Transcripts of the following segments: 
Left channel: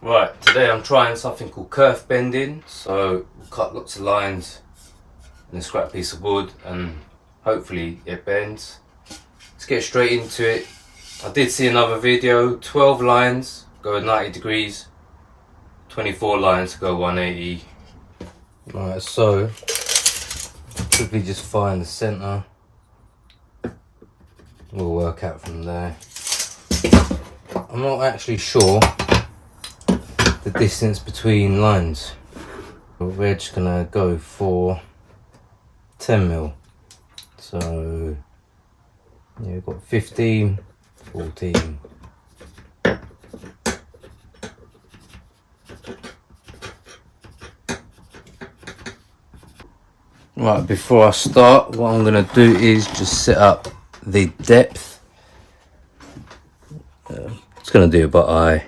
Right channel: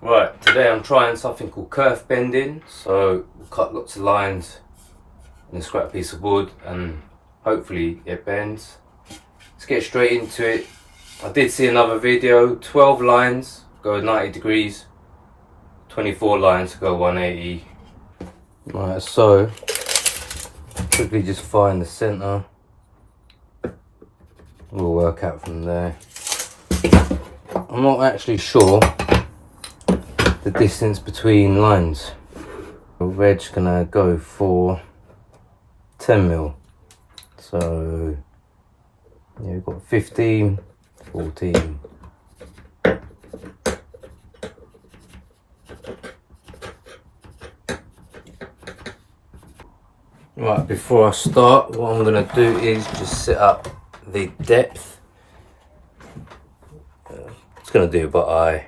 Right, today I'm trying something called kerf bending. So we'll cut lots of lines in a scrap piece of wood and hopefully it bends. Let's get straight into it. I did see another video, 12 lines go 90 degrees, 24 lines go 180. Right, so quickly just find the center. We'll work out from there. I'm not actually sure the distance between lines. Reg gonna go for 10 mil. So yeah, we've got 15, 14. Right, before I start, what I'm gonna do is just set up the depth. It's gonna do it by eye.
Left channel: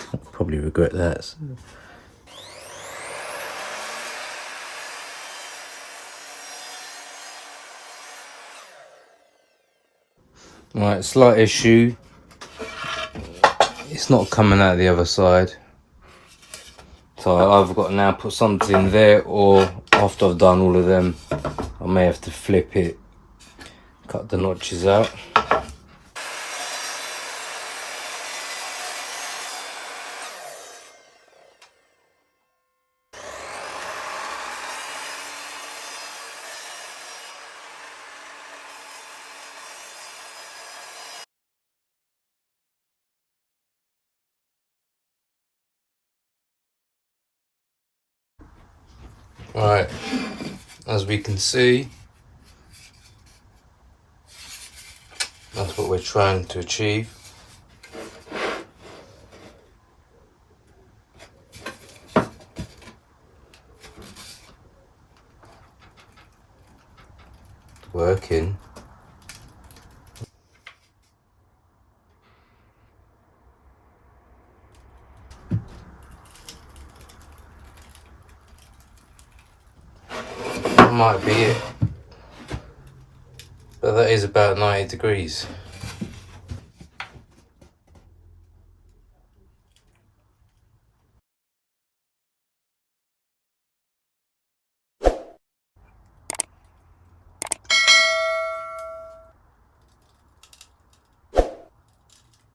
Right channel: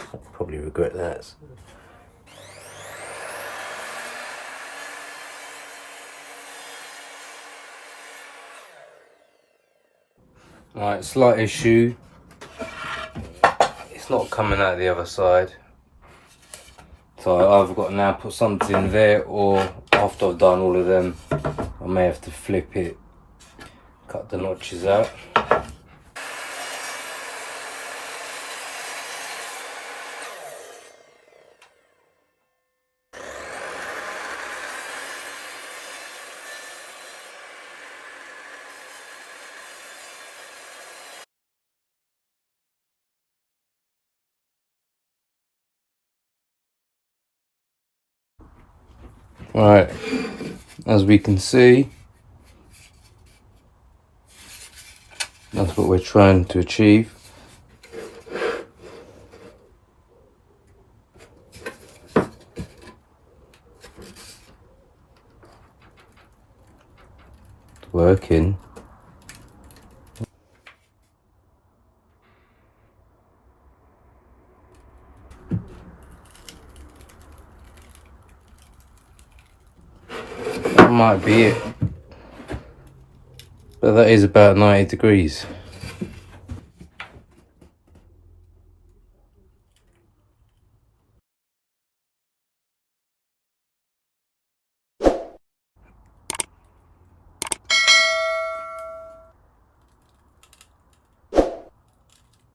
I'll probably regret that. Right, slight issue. It's not coming out the other side. So I've got to now put something there, or after I've done all of them, I may have to flip it, cut the notches out. Right, as we can see, that's what we're trying to achieve. Working. That might be it, but that is about 90 degrees.